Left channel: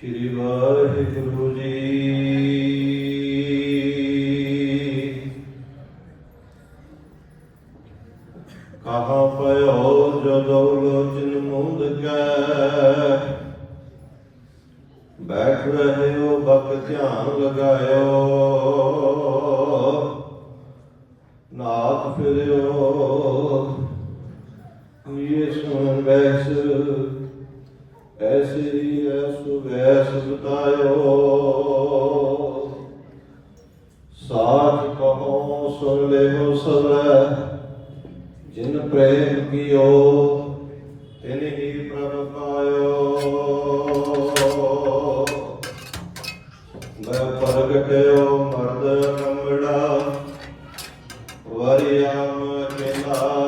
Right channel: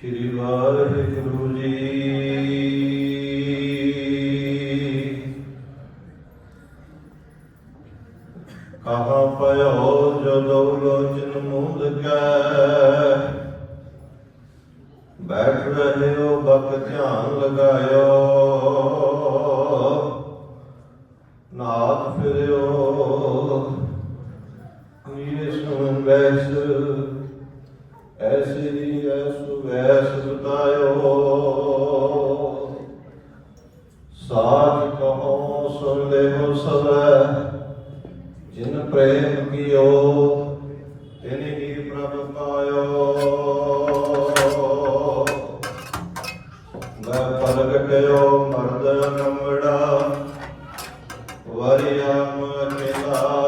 ਸ੍ਰੀ ਵਾਹਿਗੁਰੂ ਜੀ। ਕਹਾ ਪਇਓ ਜਦੋਂ ਦੌਲਤ ਮੁੰਦ ਕੈ। ਬੈਠ ਰਹੇ ਹੋ ਬਕ ਧਿਆਨ ਲਗਾਇਓ। ਨਾਥ ਫਿਰਿਓ। ਇਹ ਸੁਣ ਬੈਸ, ਐਸੀ ਵੈਸ ਬਤਾਇਓ ਸਾਚ ਕਹੋ, ਸੁਣ ਲੈ ਹੋ ਸਵੈ ਜਿਨ ਪ੍ਰੇਮ ਕੀਓ, ਤਿਨ ਹੀ ਪ੍ਰਭ ਪਾਇਓ। ਮੈਂ ਪ੍ਰਗਟਿਓ ਮਰਦ ਨਮੜਾ ਵਰਿਆਮ ਅਕੇਲਾ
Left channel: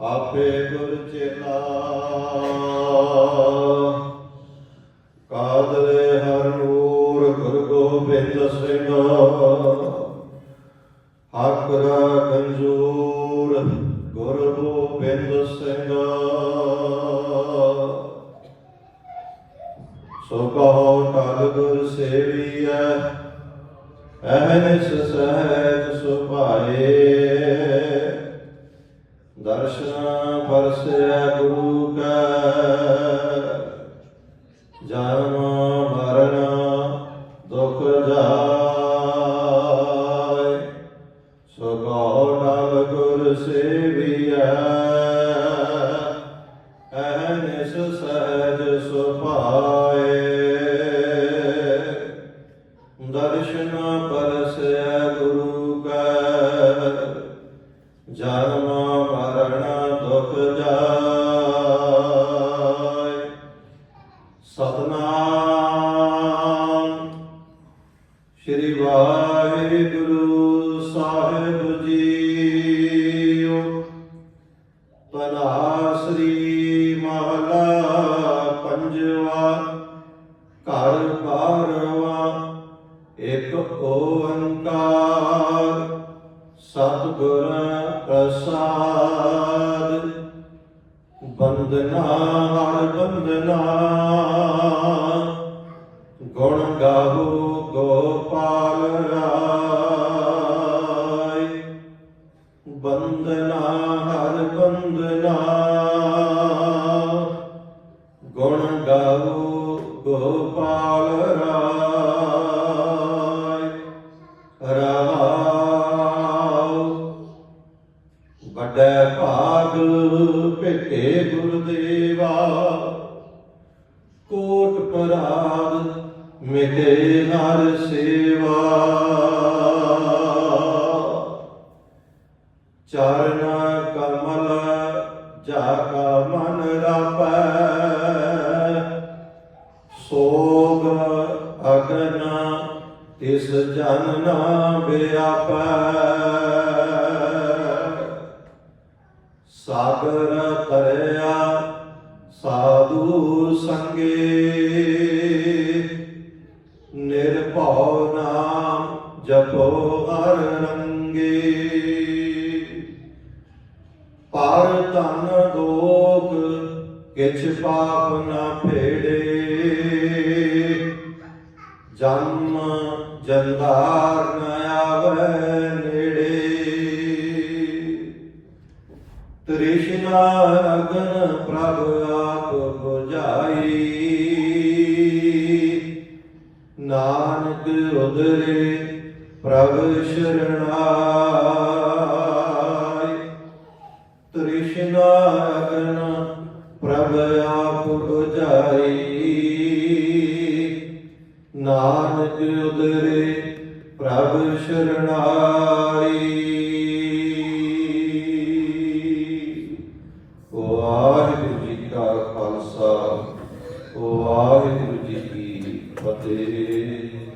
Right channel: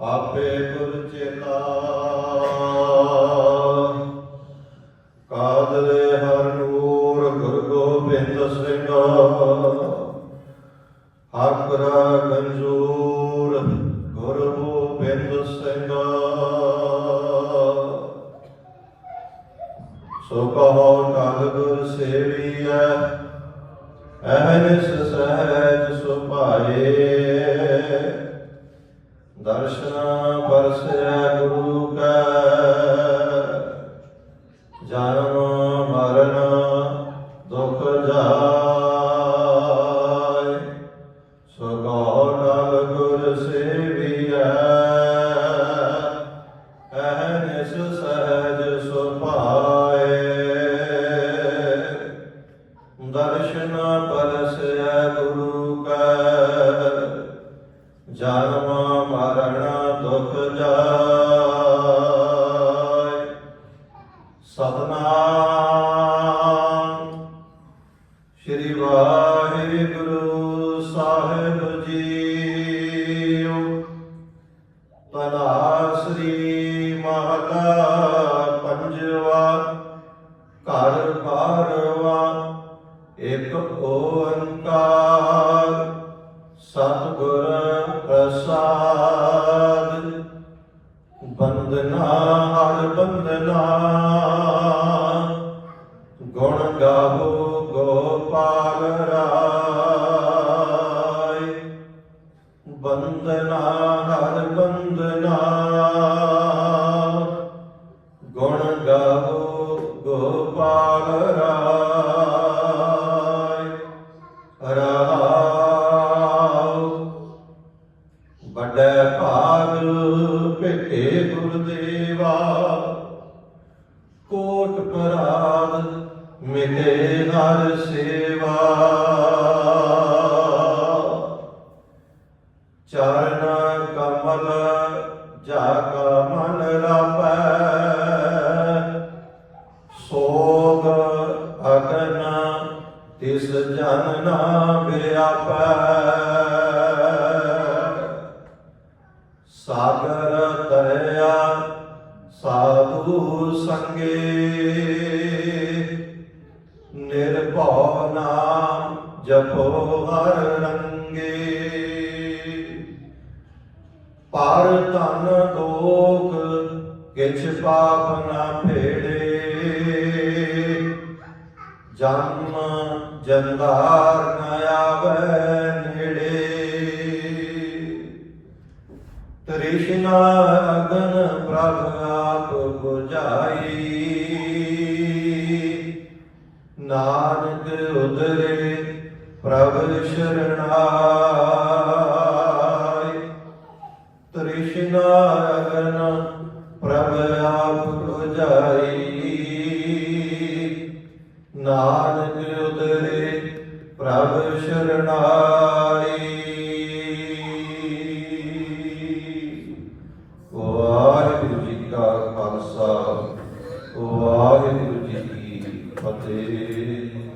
ਆਪੇ ਗੁਰ ਚੇਲਾ ਕਾਦਰੇ ਹਰ ਨੂਰ ਗੁਰ ਗੋਬਿੰਦ ਸਿੰਘ। ਆਕਰਾ ਗੰਜੂਰ ਗੁਰ ਗੋਬਿੰਦ ਸਿੰਘ। ਸੋ ਕਹੋ ਕਲ ਗੁਰ ਸੇਵੀਐ, ਅਹਨਿਸ ਸਹਿਜ ਸੁਭਾਏ। ਦਰਸ਼ਨ ਪਰਸੈ ਗੁਰੂ ਕੈ। ਜਨਮ ਮਰਨ ਦੁਖ ਜਾਏ। ਸੋ ਕਹੋ ਗੁਰ ਸੇਵੀਐ। ਅਹਨਿਸ ਸਹਿਜ ਸੁਭਾਏ। ਦਰਸ਼ਨ ਵਾਹਿਗੁਰੂ ਸਾਹਿਬ ਜੀਓ। ਤਨਾ ਸ੍ਰੀ ਮਹਲਾ ਪੰਜਵਾ, ਘਰ ਬਾਰਵਾ, ਇੱਕ ਓੰਕਾਰ, ਸਤਿਗੁਰ ਪ੍ਰਸਾਦ। ਬੰਦਨਾ ਹਰ ਬੰਦਨਾ, ਗੁਣ ਗਾਵੋ ਗੋਪਾਲ ਰਾਏ ਬੰਦਨਾ ਹਰ ਬੰਦਨਾ ਗੁਣ ਗਾਵੋ ਗੋਪਾਲ ਰਾਏ ਰਹਾਉ ਵੱਡੇ ਭਾਗ ਭੇਟੇ ਗੁਰਦੇਵਾ ਕੋਟ ਪਰਾਦ ਮਿਲੇ ਹਰ ਸੇਵਾ ਚਰਨ ਕਮਲ ਜਾ ਕਾ ਮਨ ਰਾਪੈ। ਸੋਗ ਅਗਨ, ਤਿਸ ਜਨ ਨਾ ਵਿਆਪੈ। ਸਾਗਰ ਤਰਿਆ, ਸਾਧੂ ਸੰਗੇ। ਨਿਰਭਉ ਨਾਮ ਜਪੋ ਹਰ ਰੰਗੇ। ਪਰ ਧਨ ਦੋਖ ਕਿਛ ਪਾਪ ਨਾ ਫੇੜੇ ਜਨਮ ਜੰਦਾਰ ਨ ਆਵੈ ਨੇੜੇ। ਤ੍ਰਿਸ਼ਨਾ ਅਗਨ ਪ੍ਰਭ ਆਪ 부ਝਾਈ ਨਾਨਕ ਉਦਰੇ ਪ੍ਰਭ ਸ਼ਰਣਾਈ ਨਿਵਾਰਨ ਪ੍ਰਭ ਆਪ ਉਜਾਰੀ ਨਾਨਕ ਉਦਰੇ ਪ੍ਰਭ ਸ਼ਰਣਾਰੀ ਵਾਹਿਗੁਰੂ ਜੀ ਕਾ ਖਾਲਸਾ, ਵਾਹਿਗੁਰੂ ਜੀ ਕੀ ਫਤਿਹ।